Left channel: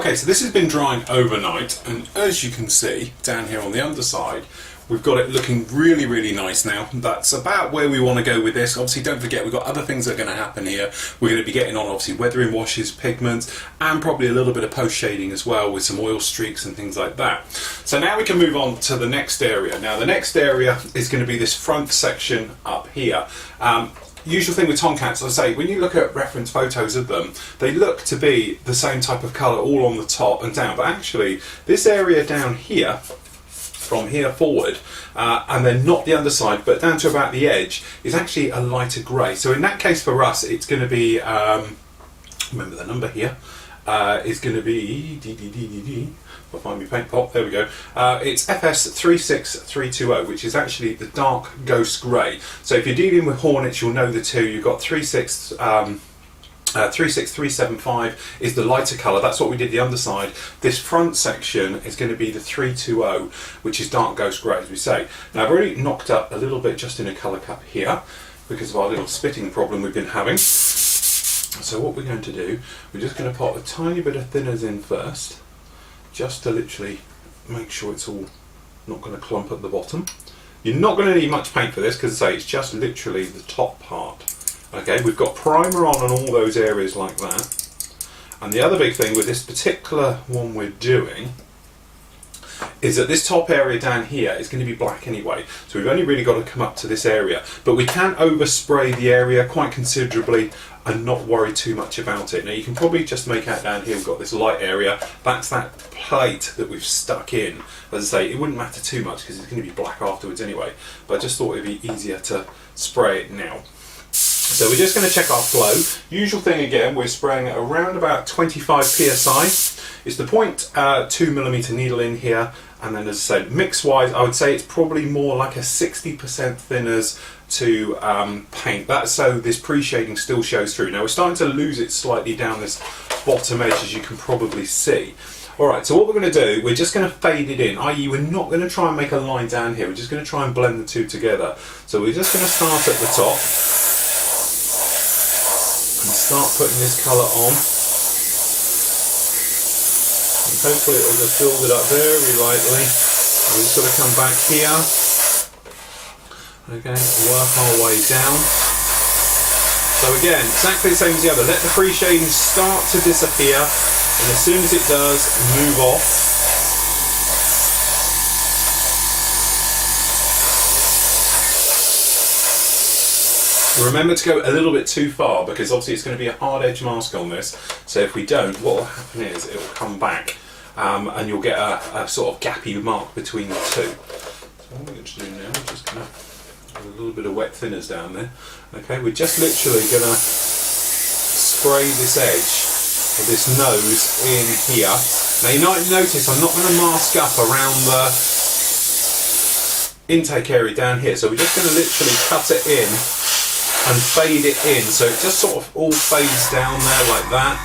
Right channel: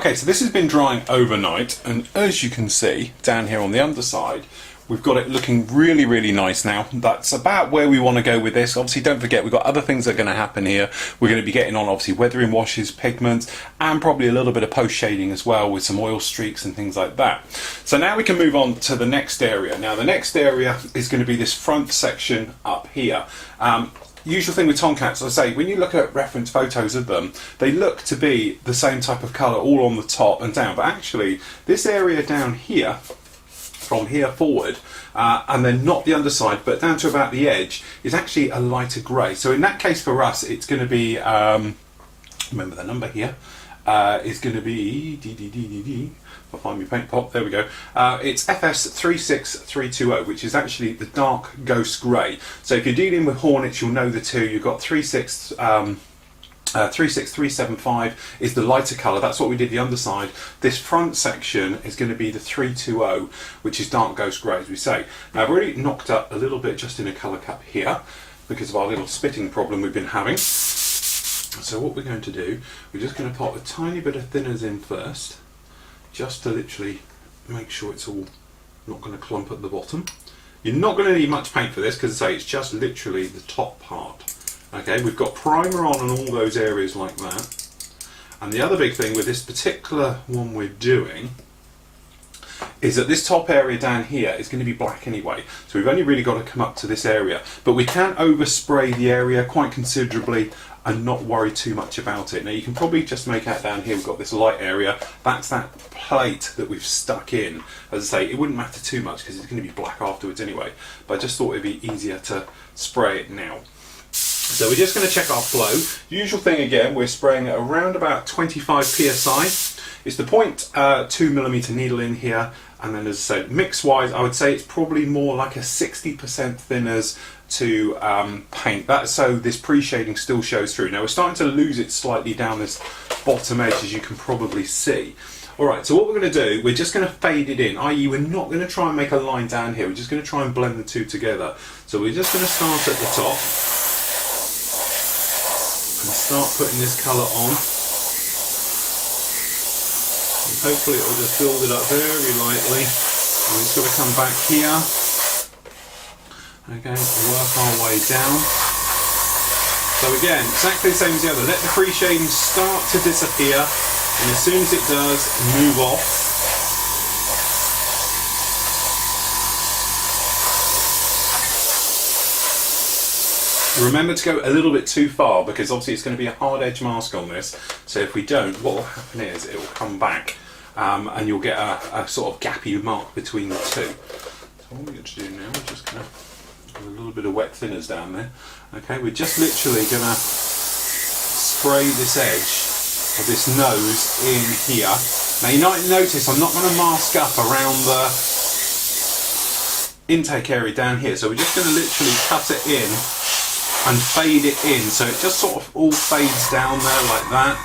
Okay, so this has been drying overnight, and as you can see down here on the underside, we've got it looking really, really nice now. That's about where we want to go with this. Obviously, don't forget, we've got other things that are going to happen here. We're going to be getting on, obviously, weathering washes, pigments, and probably a little bit of post-shading as well with some oil streaks and things like that. So now we can move on to the next area. Now, the next area is going to be this front section up here. Usual thing with Tomcats, I say, when you look at reference photos of them, they look to be the same type of colour all on the top and down, but actually this area down here, from here forward, and then not the underside but down to about the edge, is actually a lighter grey. So in that case for us it's going to be, remember the number here, is going to be, I'll find my paint pot, there we go. It's FS36320, which is actually the dark ghost grey. So if you're dealing with Hornets, you'll know the two. You've got 36375 is the lighter colour, that's what we did the underside. This front section is going to be the 320, which is dark ghost grey, as we say. Now I've already knocked up a little bit just in a colour cup here, because of our little spitting problem we've been having. So what we're going to do, we're just going to put a tiny bit of thinners in first, just to literally make sure it's all not going to clump at the bottom. You're not going to need much paint for this, because I say it's just literally the top part. Okay, we've got primer on all those areas like that. And the other big thing with this particular one we're doing is that this top area down here is going to be black anyway, so we've only really got to come up to this area, but we can overspray the area quite considerably and not worry too much about it. Now you can probably just make out down here we've got this light area, that's that plate that we've stuck in. As I say, it wouldn't matter too much because it's going to be black afterwards anyway, but I just thought it'd be easier to spray it now. So we're just going to check our flow. Usual thing again, we're spraying at around about 25 psi. It's the 0.2mm needle in here, and then as I said, mix wise I would say it's probably more like a 60% thinners to paint. That's so this pre-shading still shows through. Now we're starting to lose it slightly down this bottom edge, as you can probably see. Alright, so what we're going to do, we're just going to fade it in, i.e. we're not going to try and make a line down here, we're just going to try and blend the two together. So we're just going to start at the top and start putting this colour on. And hopefully it will just build it up very lightly. And we're just going to come back here. Okay, work our way down. So again, exactly the same as the other. Let the free shading start to disappear, and as soon as it does, move off. Remember to go a little bit too far, because obviously it's going to be a hard edge mask on this, so if we don't, what will happen is it will come back and you'll get a sort of gappy mark between the two. So what we're going to do now, we're just going to put a little bit of wet thinners down there. Okay, we're just literally going to spray this edge of this nose in here. Now you might notice I'm not going to mask up around the intake area down here, so we're just going to literally cut it in and fade it in, so it just sort of all fades down there like that.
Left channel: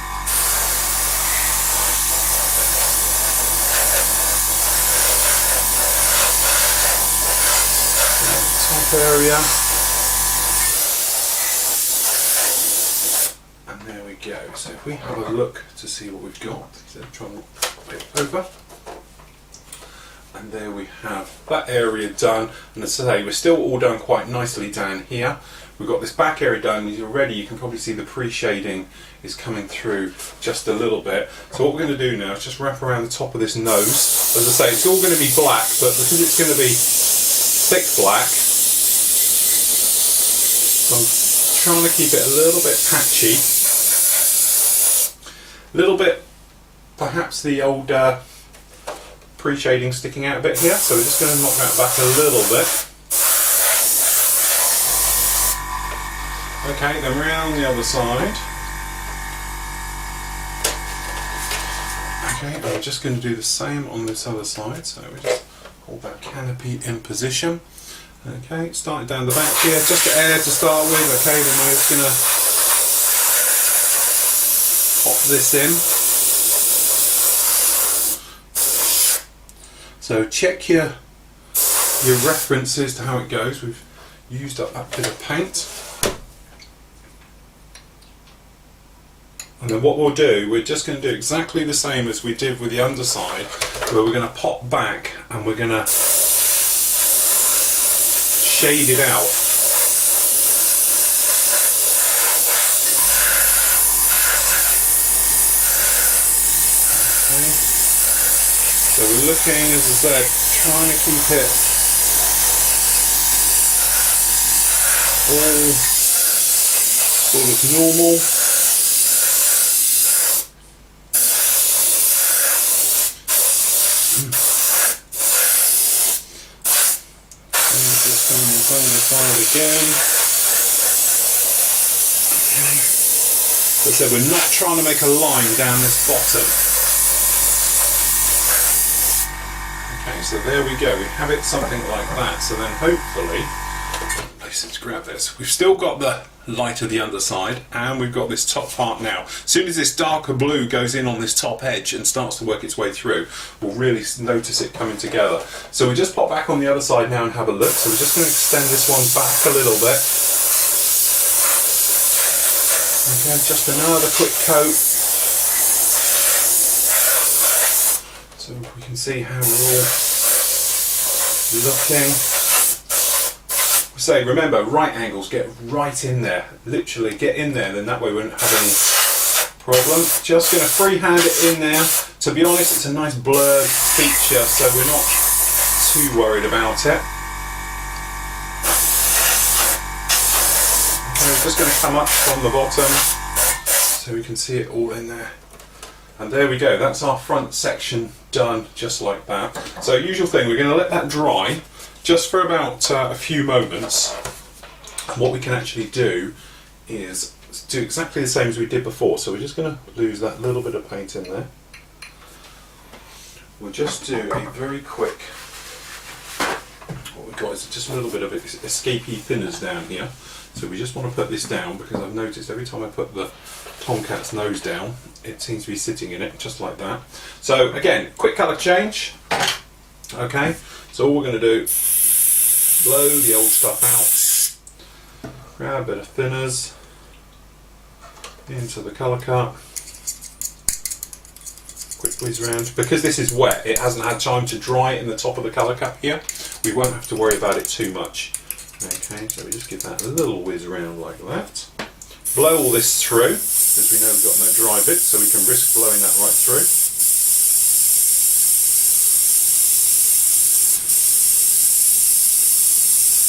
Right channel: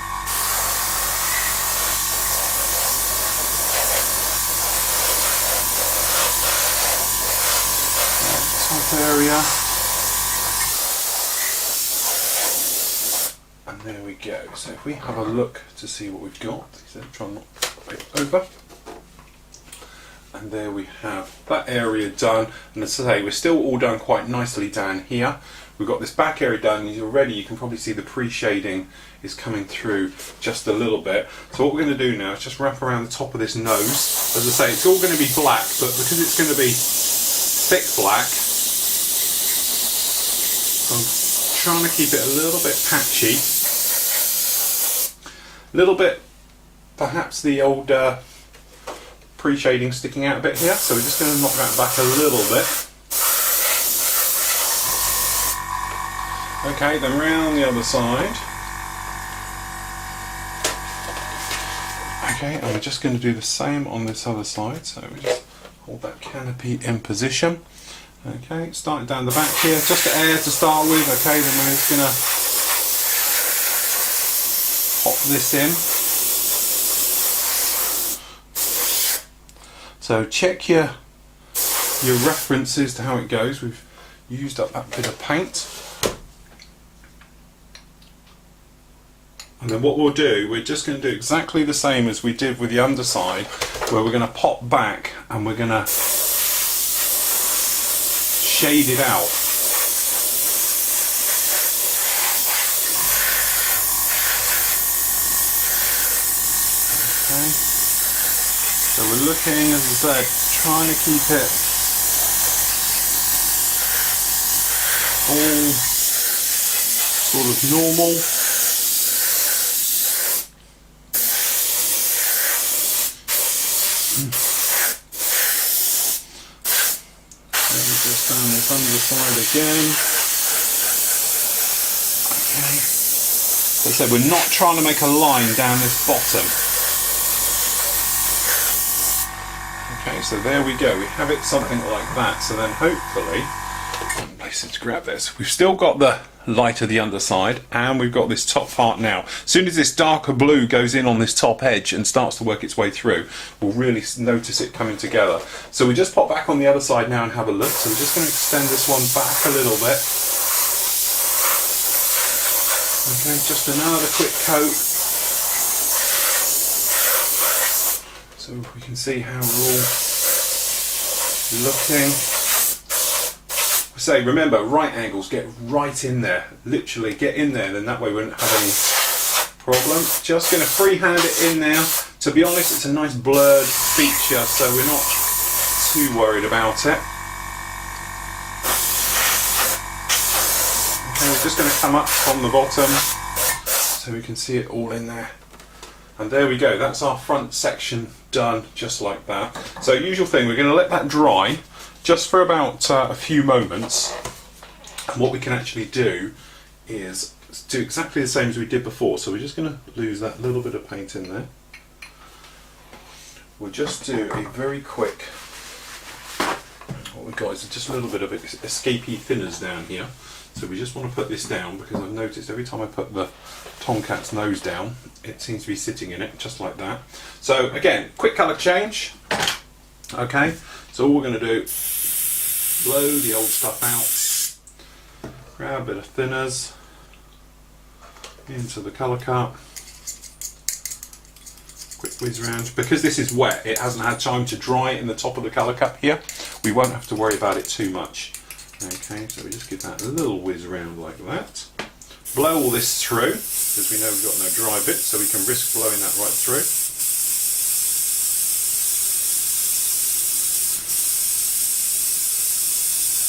Top area. And there we go. So if we have a look to see what we've got, so try not to flip it over. And there we have that area done, and as I say, we're still all done quite nicely down here. We've got this back area done, and already you can probably see the pre-shading is coming through just a little bit. So what we're going to do now is just wrap around the top of this nose. As I say, it's all going to be black, but because it's going to be thick black, so I'm trying to keep it a little bit patchy. A little bit, perhaps the old pre-shading sticking out a bit here, so we're just going to knock that back a little bit. Okay, then round the other side. Okay, and we're just going to do the same on this other side, so we just hold that canopy in position. Okay, start down the back here, just air to start with. Okay, then we're just going to pop this in. So check your references to how it goes. We've used up that bit of paint. And then what we'll do, we're just going to do exactly the same as we did with the underside, where we're going to pop back and we're going to shade it out. Okay. So we're looking, as I said, trying to keep it all sort of normal. Just on this underside again. Okay. As I said, we're not trying to make a line down this bottom. Okay, so there we go. We have it something like that. So then hopefully, let's grab this. We've still got the light of the underside, and we've got this top part now. As soon as this darker blue goes in on this top edge and starts to work its way through, we'll really notice it coming together. So we just pop back on the other side now and have a look. So we're just going to extend this one back a little bit. Okay, just another quick coat. So we can see how we're all looking. Say, remember, right angles, get right in there, literally get in there, then that way we won't have any problem. Just going to freehand it in there. To be honest, it's a nice blurred feature, so we're not too worried about it. Okay, we're just going to come up from the bottom so we can see it all in there. And there we go, that's our front section done just like that. So usual thing, we're going to let that dry just for about a few moments. And what we can actually do is do exactly the same as we did before. So we're just going to lose that little bit of paint in there. We'll just do a very quick, what we've got is just a little bit of escapey thinners down here. So we just want to put this down because I've noticed every time I put the Tomcat's nose down, it seems to be sitting in it, just like that. So again, quick colour change. Okay, so all we're going to do, blow the old stuff out, grab a bit of thinners into the colour cup, quick whiz round. Because this is wet, it hasn't had time to dry in the top of the colour cup here, we won't have to worry about it too much. Okay, so we just give that a little whiz around like that. Blow all this through, because we know we've got no dry bits, so we can risk blowing that right through.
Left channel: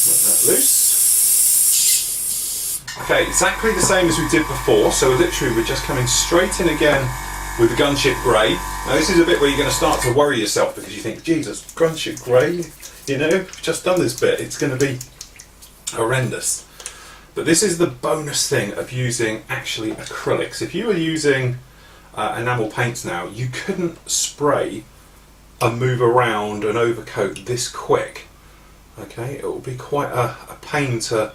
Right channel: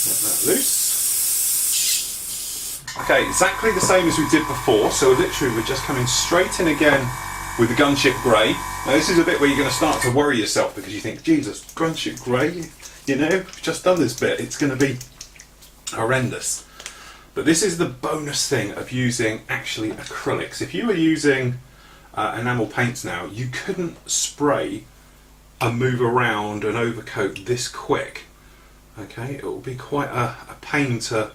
Let that loose. Okay, exactly the same as we did before, so literally we're just coming straight in again with the gunship grey. Now this is a bit where you're going to start to worry yourself because you think, Jesus, gunship grey, you know, we've just done this bit, it's going to be horrendous. But this is the bonus thing of using actually acrylics. If you were using enamel paints now, you couldn't spray and move around an overcoat this quick. Okay, it will be quite a pain to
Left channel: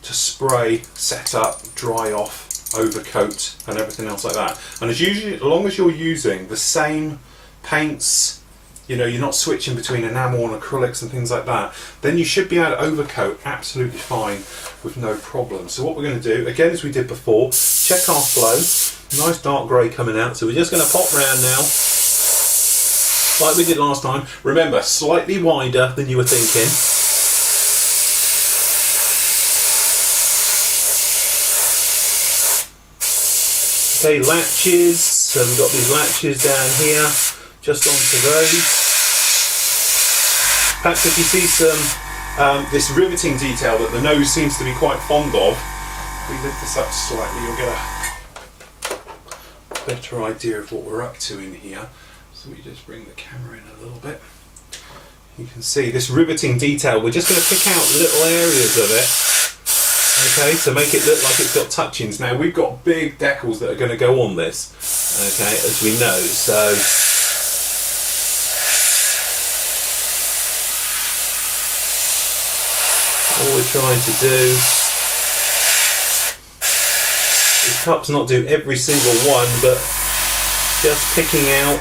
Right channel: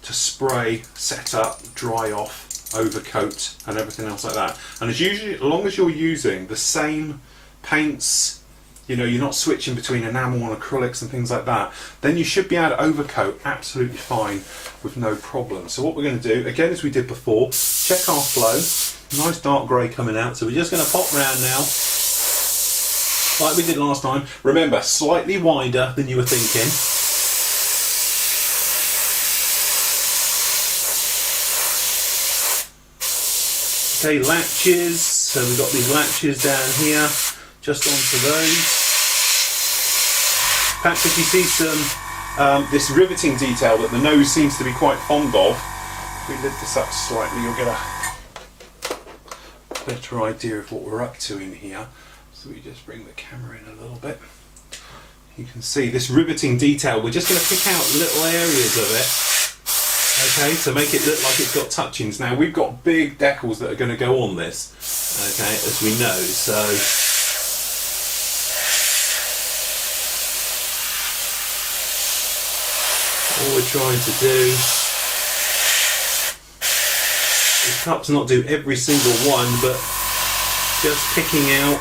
spray, set up, dry off, overcoat and everything else like that. And as long as you're using the same paints, you know, you're not switching between enamel and acrylics and things like that, then you should be able to overcoat absolutely fine with no problem. So what we're going to do, again as we did before, check our flow. Nice dark grey coming out, so we're just going to pop round now, like we did last time. Remember, slightly wider than you were thinking. Okay, latches, so we've got these latches down here. Just onto those. Perhaps if you see some this riveting detail that the nose seems to be quite fond of, if we lift this up slightly, you'll get a better idea of what we're up to in here. So we just bring the camera in a little bit. You can see this riveting detail. We're just going to pick out little areas of it. Okay, to make it look like it's got touchings. Now we've got big decals that are going to go on this. Okay, as we know. So all we're trying to do, this cup's not do every single one, but just picking out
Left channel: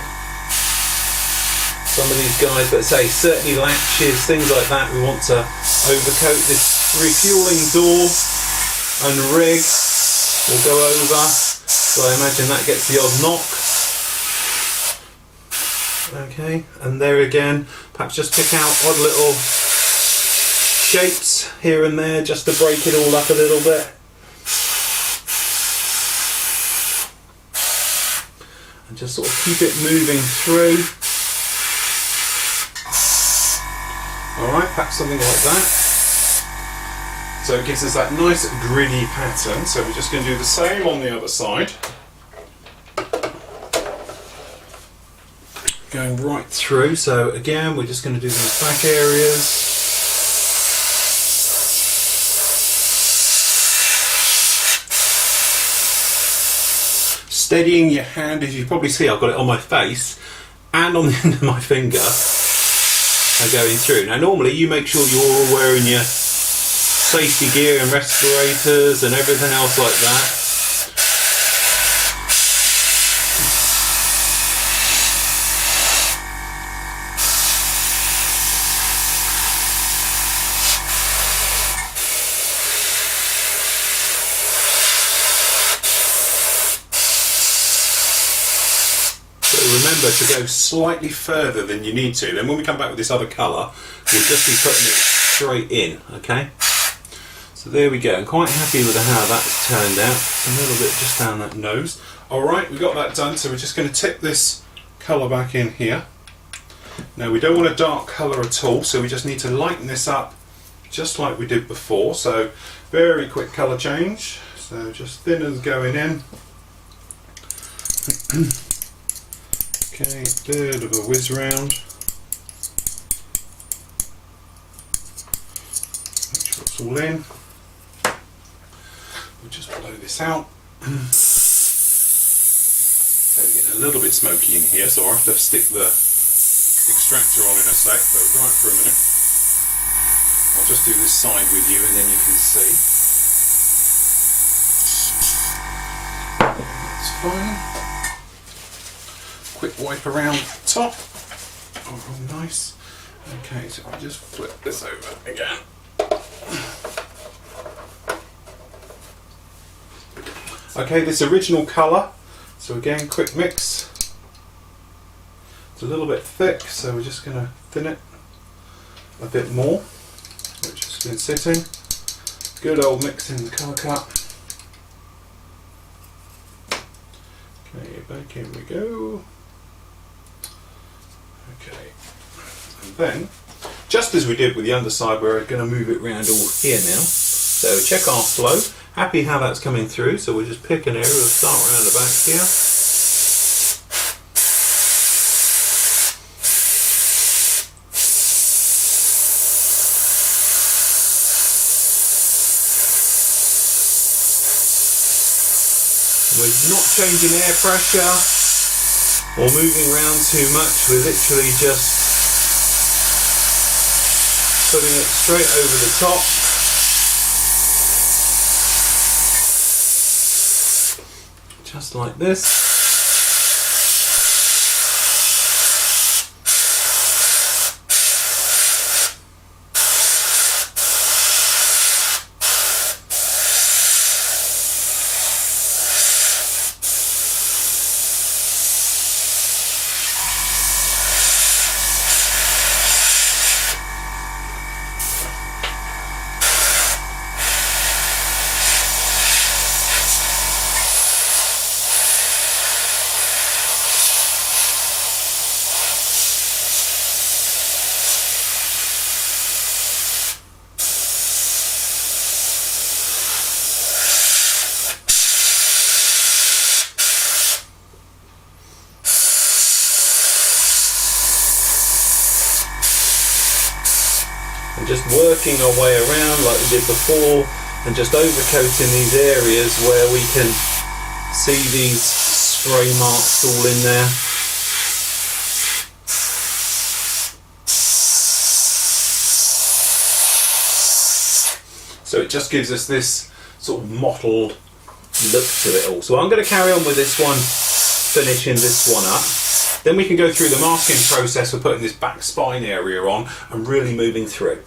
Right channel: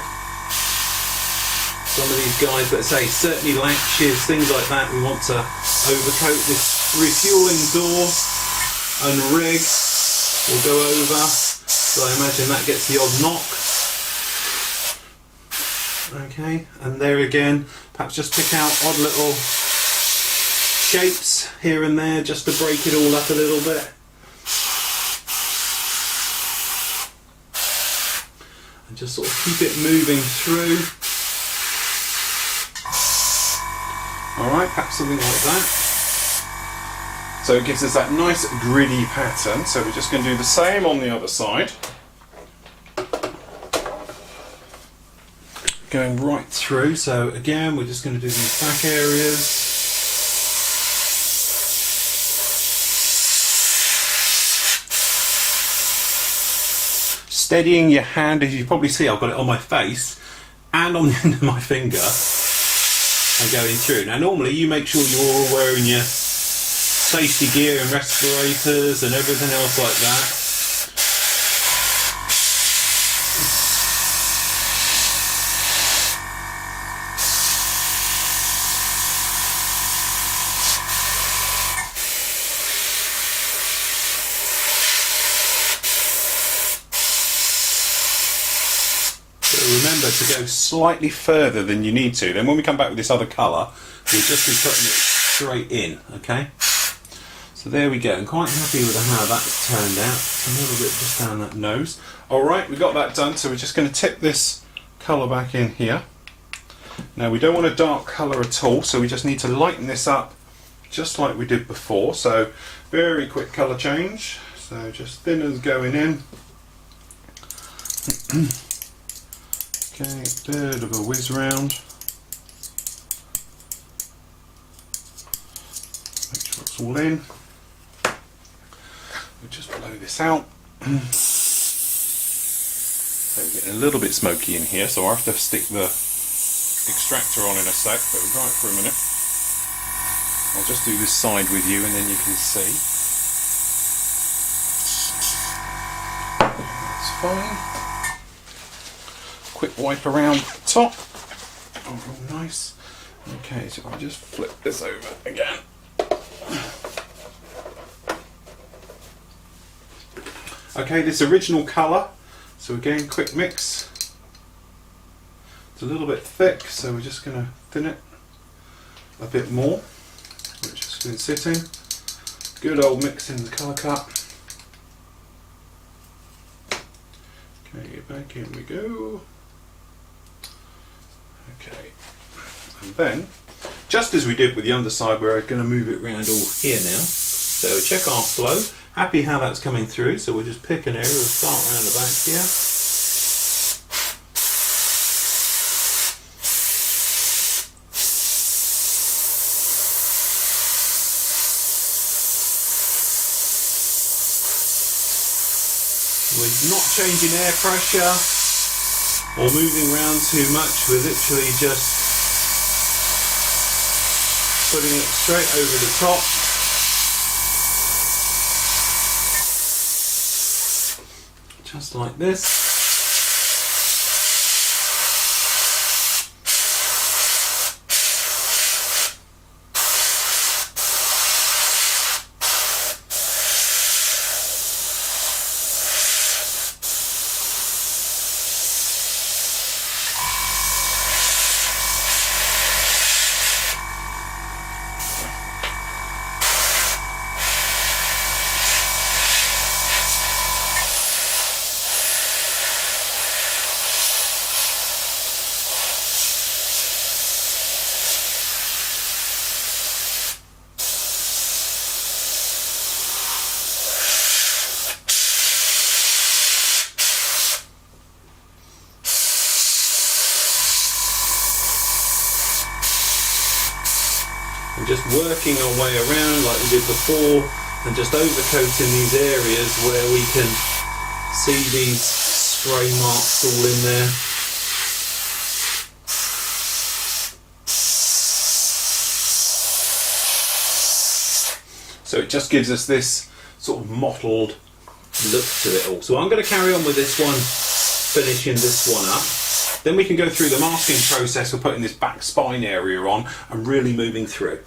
some of these guys, but say certainly latches, things like that. We want to overcoat this refueling door and rig. We'll go over So I imagine that gets the odd knock. Okay, and there again, perhaps just pick out odd little shapes here and there just to break it all up a little bit. And just sort of keep it moving through. Alright, perhaps something like that. So it gives us that nice gritty pattern. So we're just going to do the same on the other side. Going right through. So again, we're just going to do these back areas. Steadying your hand, as you probably see, I've got it on my face and on the end of my finger. I'm going through. Now normally you make sure you're all wearing your safety gear and respirators and everything else like that. Remember to go slightly further than you need to. Then when we come back with this other colour, we'll just be putting it straight in, okay? So there we go. I'm quite happy with how that's turned out. It's a little bit just down that nose. Alright, we got that done, so we're just going to tip this colour back in here. Now we don't want a dark colour at all, so we just need to lighten this up just like we did before. So very quick colour change. So just thinners going in. Okay, bit of a whiz round. Make sure it's all in. We'll just blow this out. So it's getting a little bit smoky in here, so I'll have to stick the extractor on in a sec, but we'll dry it for a minute. I'll just do this side with you and then you can see. That's fine. Quick wipe around the top. Oh, nice. Okay, so I'll just flip this over again. Okay, this original colour. So again, quick mix. It's a little bit thick, so we're just going to thin it a bit more. Which has been sitting. Good old mix in the colour cup. Okay, back in we go. Okay, and then, just as we did with the underside, we're going to move it around all here now. So check our flow. Happy how that's coming through, so we'll just pick an area, we'll start around the back here. We're not changing air pressure or moving around too much, we're literally just putting it straight over the top. Just like this. And just working our way around like we did before, and just overcoating these areas where we can see these spray marks all in there. So it just gives us this sort of mottled look to it all. So I'm going to carry on with this one, finishing this one up. Then we can go through the masking process for putting this back spine area on and really moving through.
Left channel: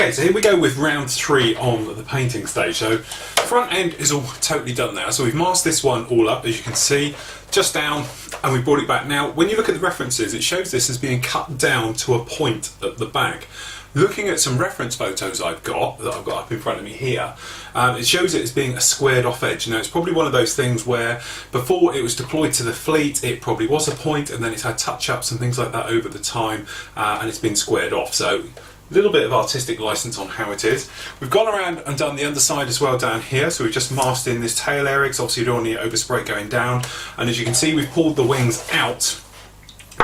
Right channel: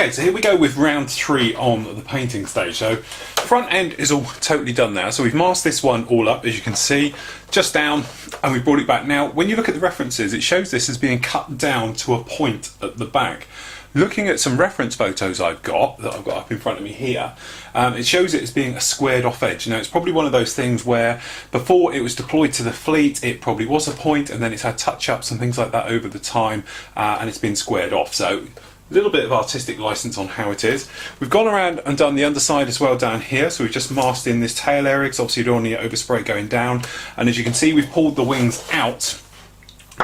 Okay, so here we go with round 3 on the painting stage. So front end is all totally done now. So we've masked this one all up, as you can see, just down, and we brought it back. Now, when you look at the references, it shows this as being cut down to a point at the back. Looking at some reference photos I've got, that I've got up in front of me here, it shows it as being a squared off edge. Now, it's probably one of those things where before it was deployed to the fleet, it probably was a point, and then it's had touch-ups and things like that over the time, and it's been squared off. So a little bit of artistic license on how it is. We've gone around and done the underside as well down here, so we've just masked in this tail area, because obviously you don't want the overspray going down. And as you can see, we've pulled the wings out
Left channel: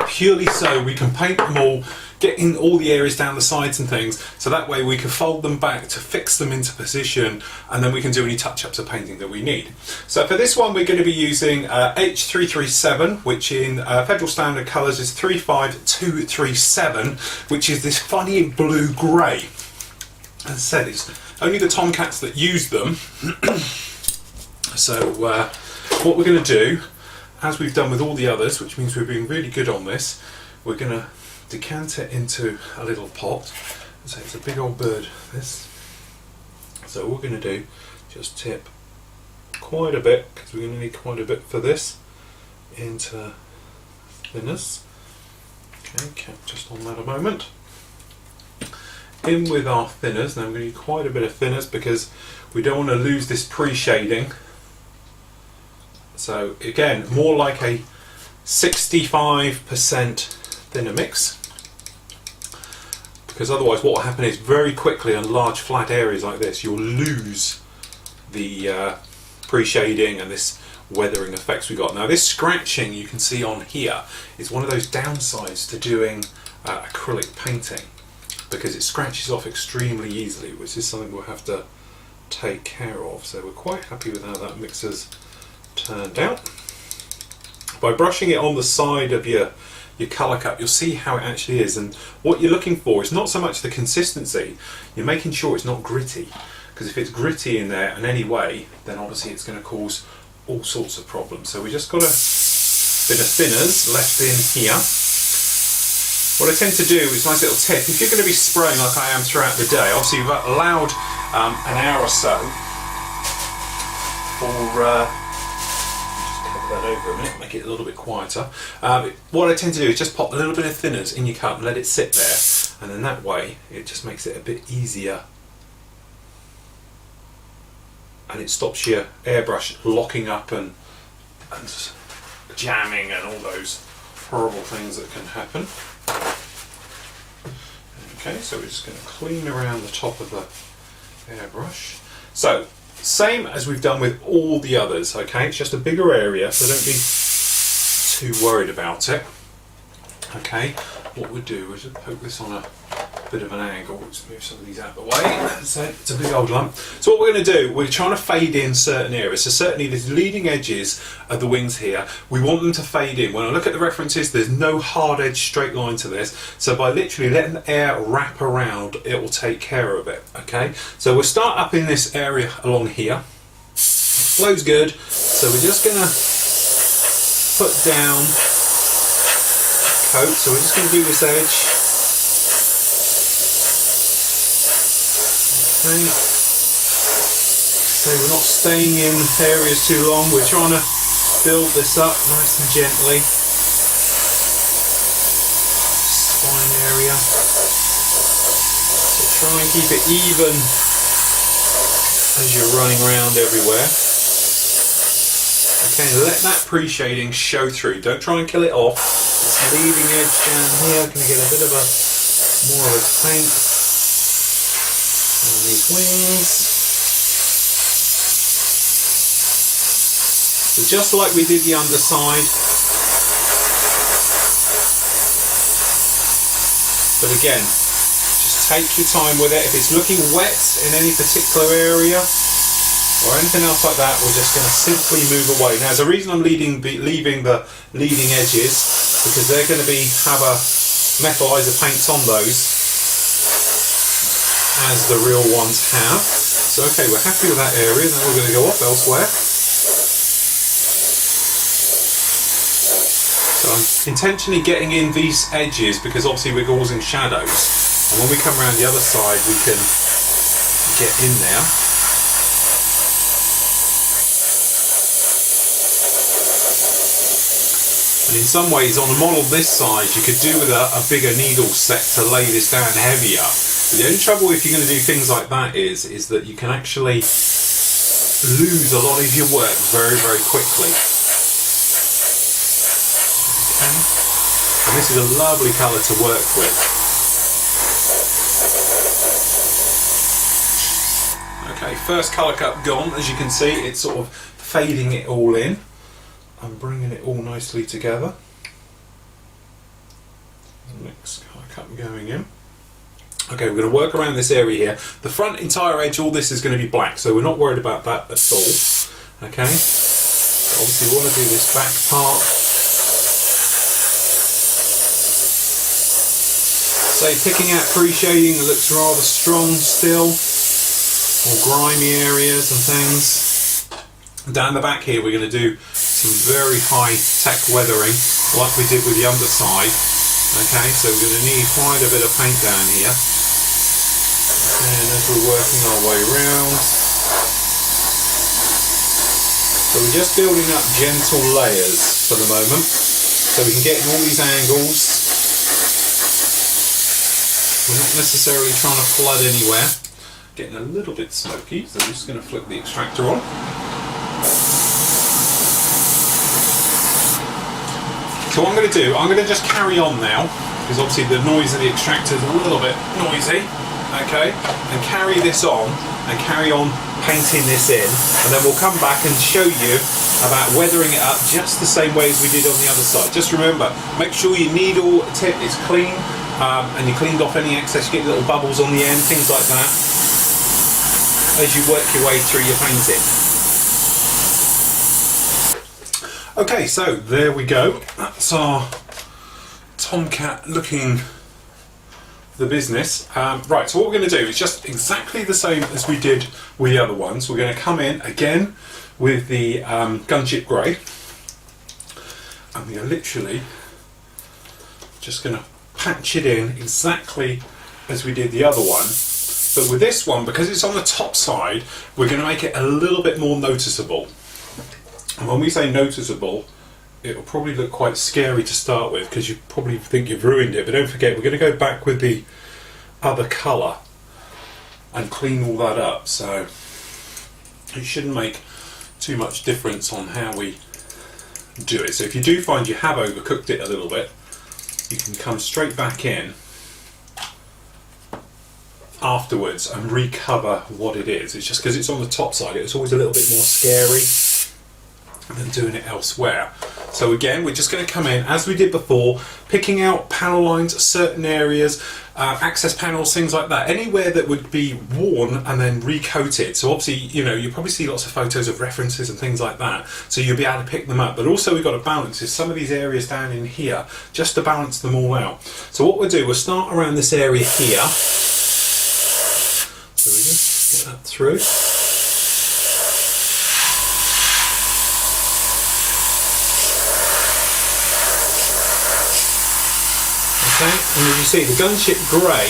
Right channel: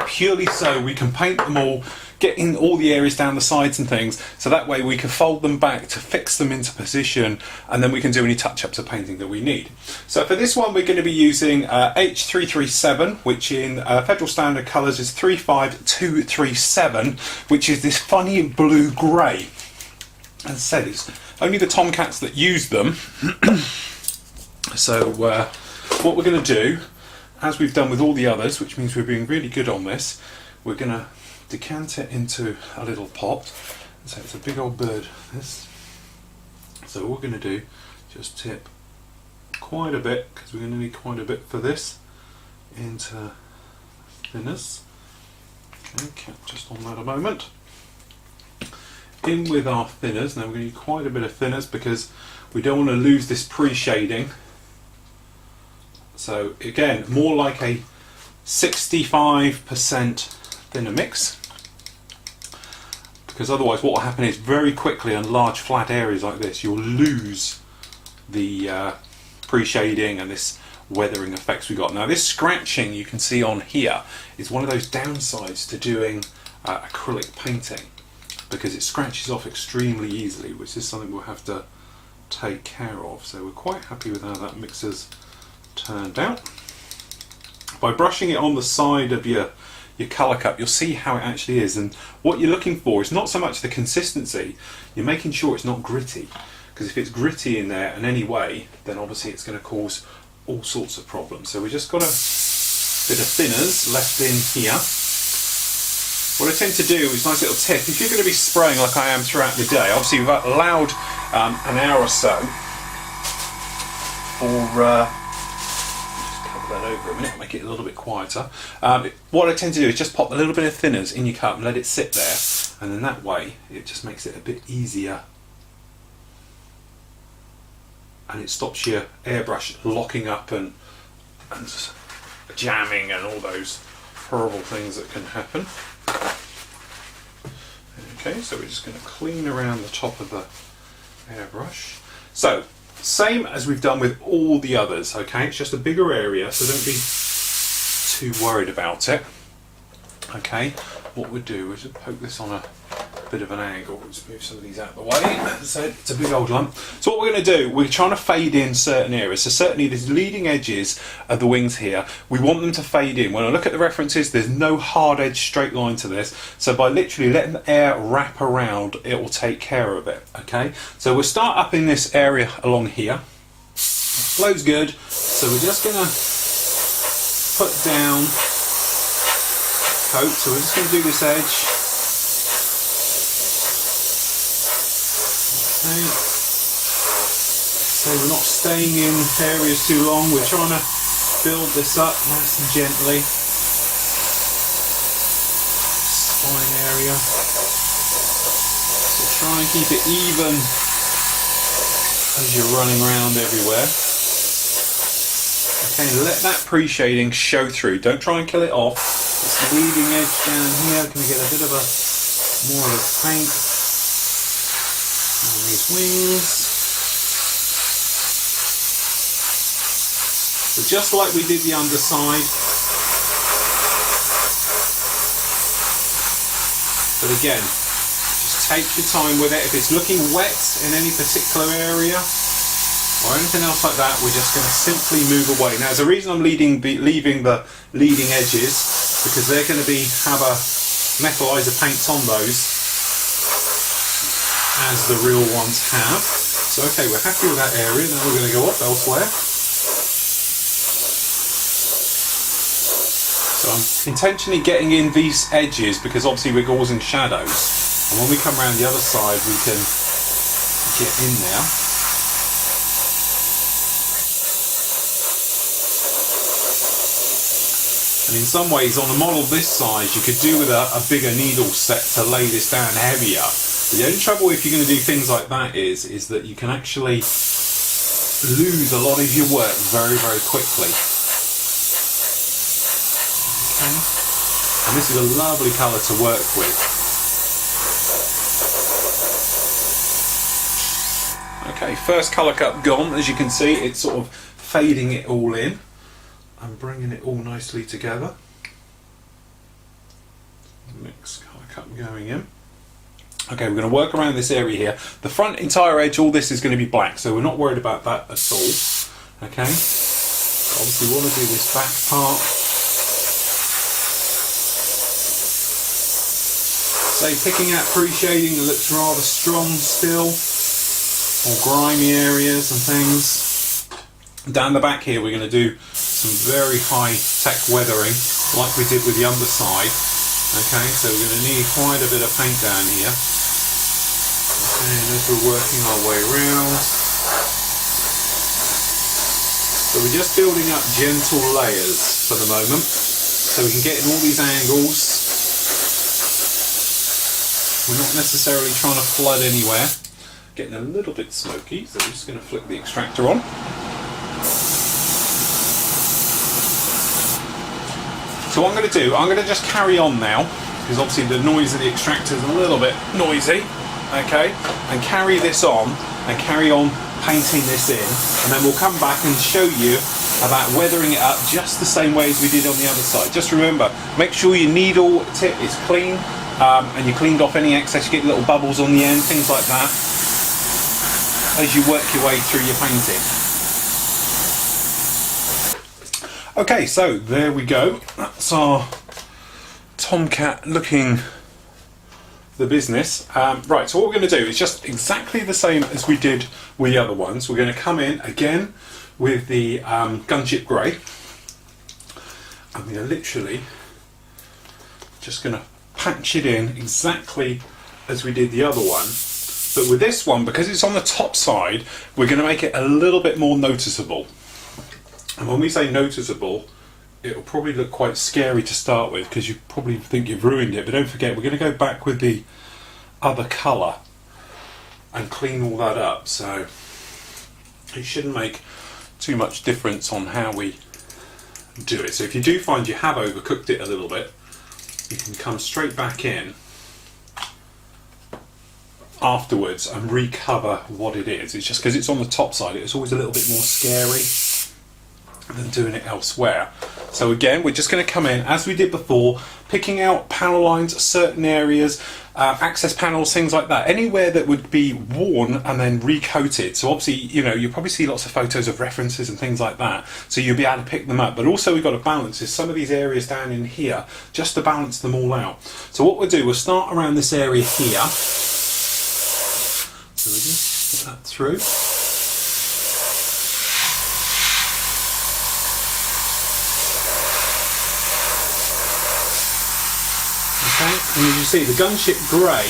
purely so we can paint them all, get in all the areas down the sides and things, so that way we can fold them back to fix them into position, and then we can do any touch-ups of painting that we need. So for this one, we're going to be using H337, which in Federal Standard colours is 35237, which is this funny blue grey. As I said, it's only the Tomcats that use them. So what we're going to do, as we've done with all the others, which means we're being really good on this, we're going to decant it into a little pot. So it's a big old bird, this. So what we're going to do, just tip quite a bit, because we're going to need quite a bit for this, into thinners. Okay, just on that a moment. In with our thinners. Now we're going to need quite a bit of thinners because we don't want to lose this pre-shading. So again, more like a 65% thinner mix, because otherwise what will happen is very quickly on large flat areas like this you'll lose the pre-shading and this weathering effects we got. Now this scratching you can see on here is one of those downsides to doing acrylic painting, because it scratches off extremely easily, which is something we'll have to take care of. So we're quite happy with how that mix has turned out. By brushing it on the side of your colour cup, you'll see how it actually is, and what you're looking for is not so much the consistency, you're making sure it's not gritty, because if it's gritty in there in any way, then obviously it's going to cause all sorts of problems. So we just got a bit of thinners left in here. What I tend to do is, nice little tip, if you're going to be spraying like I am throughout the day, obviously we've allowed an hour or so for that over a minute, make it a little bit quieter. What I tend to do is just pop a little bit of thinners in your cup and let it sit there, and then that way it just makes it a bit easier, and it stops your airbrush locking up and jamming and all those horrible things that can happen. Okay, so we're just going to clean around the top of the airbrush. So same as we've done with all the others, okay? It's just a bigger area, so don't be too worried about it. Okay, what we'll do is poke this on a bit of an angle. Let's move some of these out of the way. So it's a big old lump. So what we're going to do, we're trying to fade in certain areas. So certainly these leading edges of the wings here, we want them to fade in. When I look at the references, there's no hard edge straight line to this. So by literally letting the air wrap around, it will take care of it. Okay, so we'll start up in this area along here. Flow's good. So we're just going to put down coat. So we're just going to do this edge. Okay. So we're not staying in areas too long, we're trying to build this up nice and gently. Spine area. So try and keep it even as you're running around everywhere. Okay, let that pre-shading show through. Don't try and kill it off. This leading edge down here can get a bit of a more of a paint on these wings. So just like we did the underside, but again, just take your time with it. If it's looking wet in any particular area or anything else like that, we're just going to simply move away. Now, there's a reason I'm leaving the leading edges, because they're going to have a metallizer paints on those, as the real ones have. So okay, we're happy with that area, then we're going to go off elsewhere. So I'm intentionally getting in these edges because obviously we're causing shadows. And when we come around the other side, we can get in now. And in some ways, on a model this size, you could do with a bigger needle set to lay this down heavier. But the only trouble if you're going to do things like that is that you can actually lose a lot of your work very, very quickly. Okay. And this is a lovely colour to work with. Okay, first colour cup gone. As you can see, it's sort of fading it all in and bringing it all nicely together. Next colour cup going in. Okay, we're going to work around this area here. The front entire edge, all this is going to be black, so we're not worried about that at all. Okay, so obviously we want to do this back part. So picking out pre-shading that looks rather strong still, or grimy areas and things. Down the back here we're going to do some very high tech weathering like we did with the underside. Okay, so we're going to need quite a bit of paint down here. Okay, and as we're working our way around. So we're just building up gentle layers for the moment, so we can get in all these angles. We're not necessarily trying to flood anywhere. Getting a little bit smoky, so I'm just going to flick the extractor on. So what I'm going to do, I'm going to just carry on now, because obviously the noise of the extractor is a little bit noisy, okay, and carry this on, and carry on painting this in, and then we'll come back and show you about weathering it up just the same way as we did on the other side. Just remember, make sure your needle tip is clean, and you cleaned off any excess, you get little bubbles on the end, things like that, as you work your way through your painting. Okay, so there we go. That's our Tomcat looking the business. Right, so what we're going to do is just exactly the same as we did with the other ones. We're going to come in again with the gunship grey, and we're literally just going to patch it in exactly as we did the other one. But with this one, because it's on the top side, we're going to make it a little bit more noticeable. And when we say noticeable, it'll probably look quite scary to start with, because you probably think you've ruined it. But don't forget, we're going to go back with the other colour and clean all that up. So it shouldn't make too much difference on how we do it. So if you do find you have overcooked it a little bit, you can come straight back in afterwards and recover what it is. It's just because it's on the top side, it's always a little bit more scary than doing it elsewhere. So again, we're just going to come in as we did before, picking out panel lines, certain areas, access panels, things like that, anywhere that would be worn and then recoated. So obviously, you know, you'll probably see lots of photos of references and things like that, so you'll be able to pick them up. But also we've got to balance is some of these areas down in here, just to balance them all out. So what we'll do, we'll start around this area here. So we just get that through. Okay, and as you see, the gunship grey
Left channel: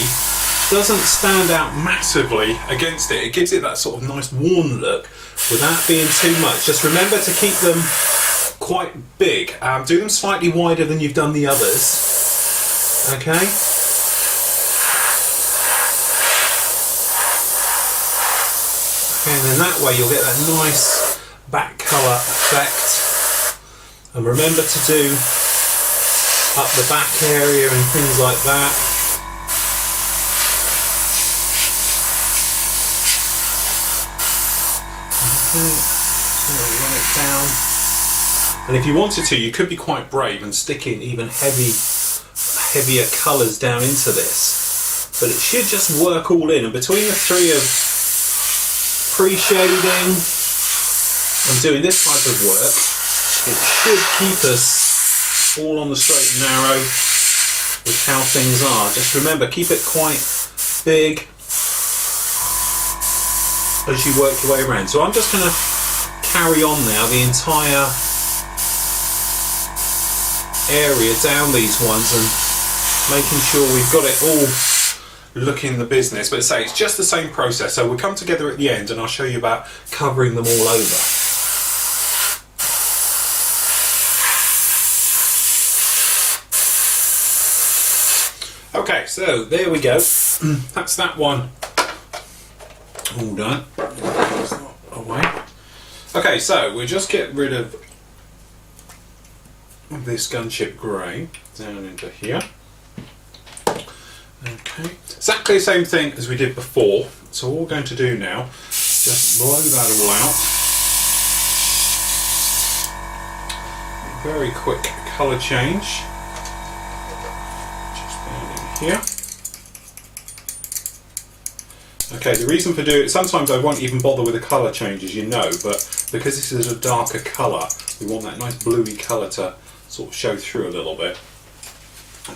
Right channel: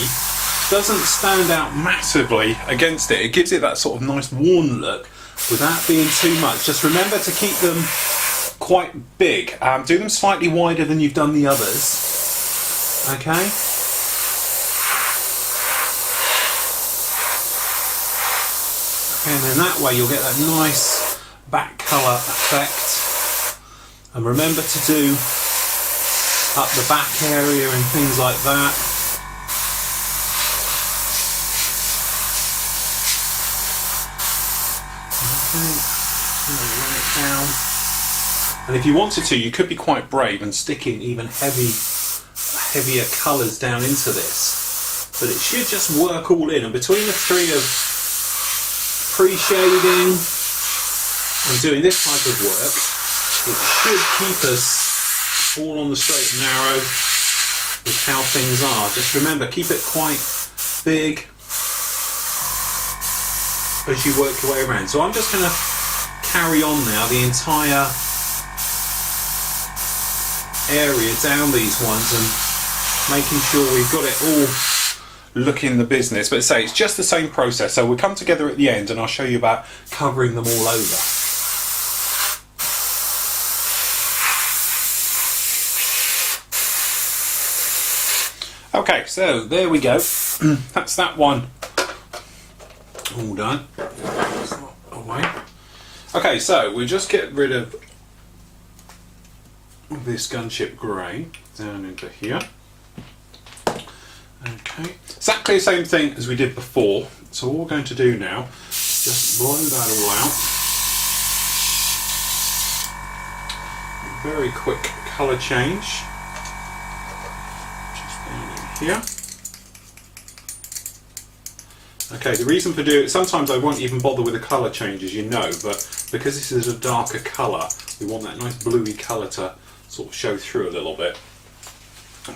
doesn't stand out massively against it. It gives it that sort of nice worn look without being too much. Just remember to keep them quite big. Do them slightly wider than you've done the others. Okay. Okay, and then that way you'll get that nice back colour effect. And remember to do up the back area and things like that. Okay, so run it down. And if you wanted to, you could be quite brave and stick in even heavier colours down into this. But it should just work all in. And between the three of pre-shading and doing this type of work, it should keep us all on the straight and narrow with how things are. Just remember, keep it quite big as you work your way around. So I'm just going to carry on now the entire area down these ones and making sure we've got it all look in the business. But say it's just the same process. So we'll come together at the end and I'll show you about covering them all over. Okay, so there we go. That's that one all done. It's not away. Okay, so we'll just get rid of this gunship grey down into here. Okay, exactly the same thing as we did before. So all we're going to do now, just blow that all out. Very quick colour change. Just down in here. Okay, the reason for doing it, sometimes I won't even bother with the colour change, as you know, but because this is a darker colour, we want that nice bluey colour to sort of show through a little bit.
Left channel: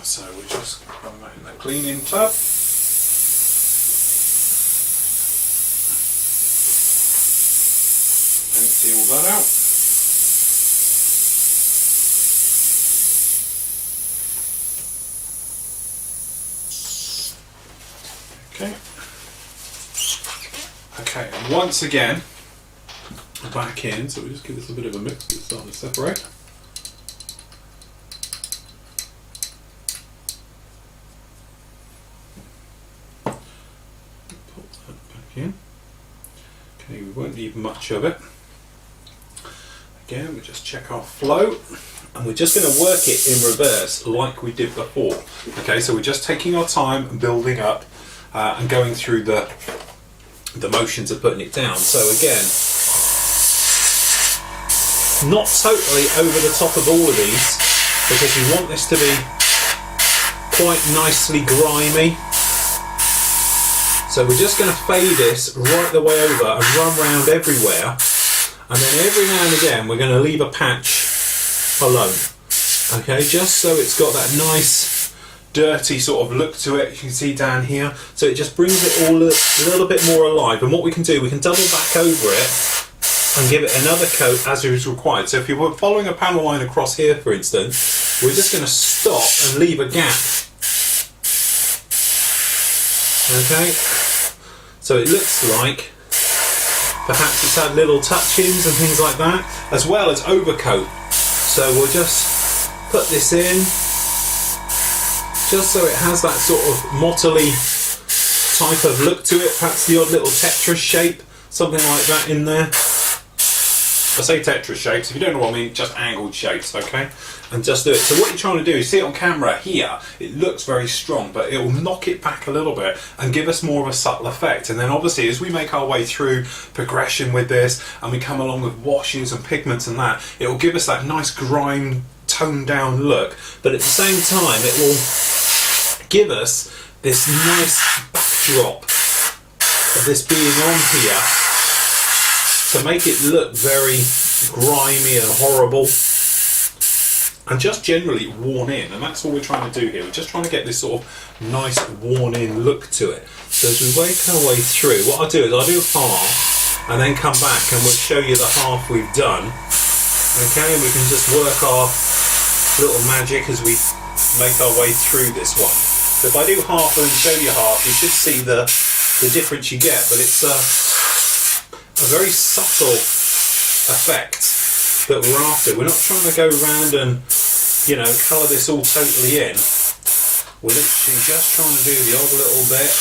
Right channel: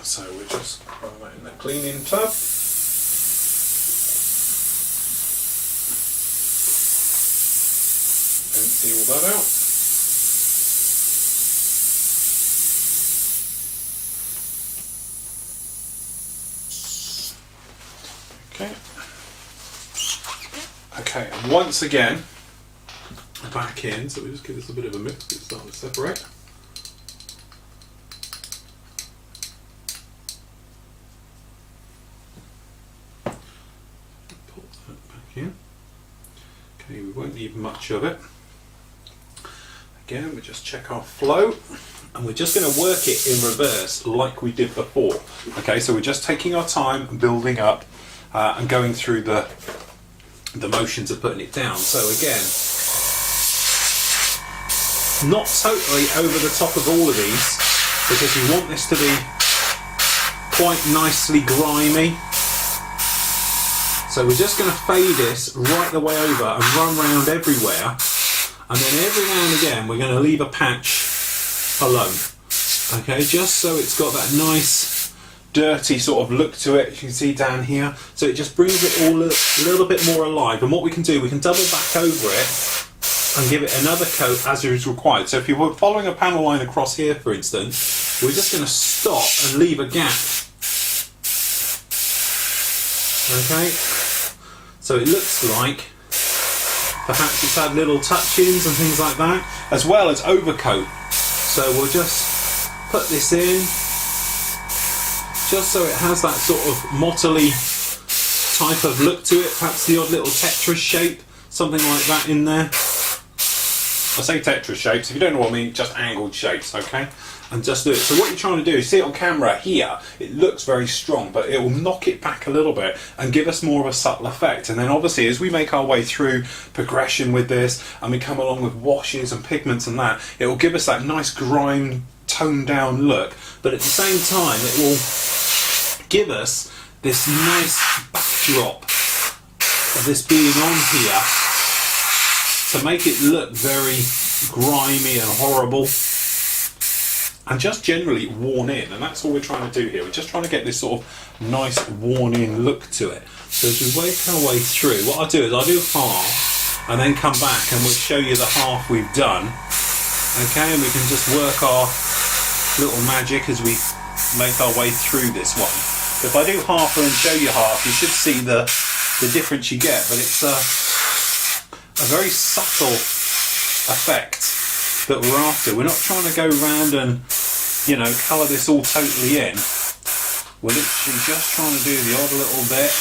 So we just throw that in the cleaning tub. Empty all that out. Okay. Okay, and once again, back in, so we just give this a bit of a mix, it's starting to separate. Put that back in. Okay, we won't need much of it. Again, we just check our flow, and we're just going to work it in reverse like we did before. Okay, so we're just taking our time and building up and going through the motions of putting it down. So again, not totally over the top of all of these, because we want this to be quite nicely grimy. So we're just going to fade this right the way over and run round everywhere, and then every now and again we're going to leave a patch alone. Okay, just so it's got that nice dirty sort of look to it, you can see down here, so it just brings it all a little bit more alive. And what we can do, we can double back over it and give it another coat as is required. So if you were following a panel line across here, for instance, we're just going to stop and leave a gap. Okay, so it looks like perhaps it's had little touch-ins and things like that, as well as overcoat. So we'll just put this in, just so it has that sort of mottly type of look to it, perhaps the odd little Tetris shape, something like that in there. I say Tetris shapes, if you don't know what I mean, just angled shapes, okay? And just do it. So what you're trying to do, see it on camera here, it looks very strong, but it will knock it back a little bit and give us more of a subtle effect. And then obviously as we make our way through progression with this, and we come along with washes and pigments and that, it will give us that nice grime, toned down look, but at the same time it will give us this nice backdrop of this being on here to make it look very grimy and horrible and just generally worn in. And that's all we're trying to do here. We're just trying to get this sort of nice worn in look to it. So as we work our way through, what I'll do is I'll do half and then come back and we'll show you the half we've done. Okay, and we can just work our little magic as we make our way through this one. So if I do half and then show you half, you should see the difference you get, but it's a very subtle effect that we're after. We're not trying to go around and, you know, colour this all totally in. We're literally just trying to do the odd little bit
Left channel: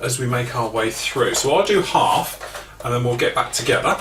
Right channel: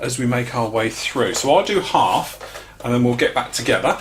as we make our way through. So I'll do half and then we'll get back together.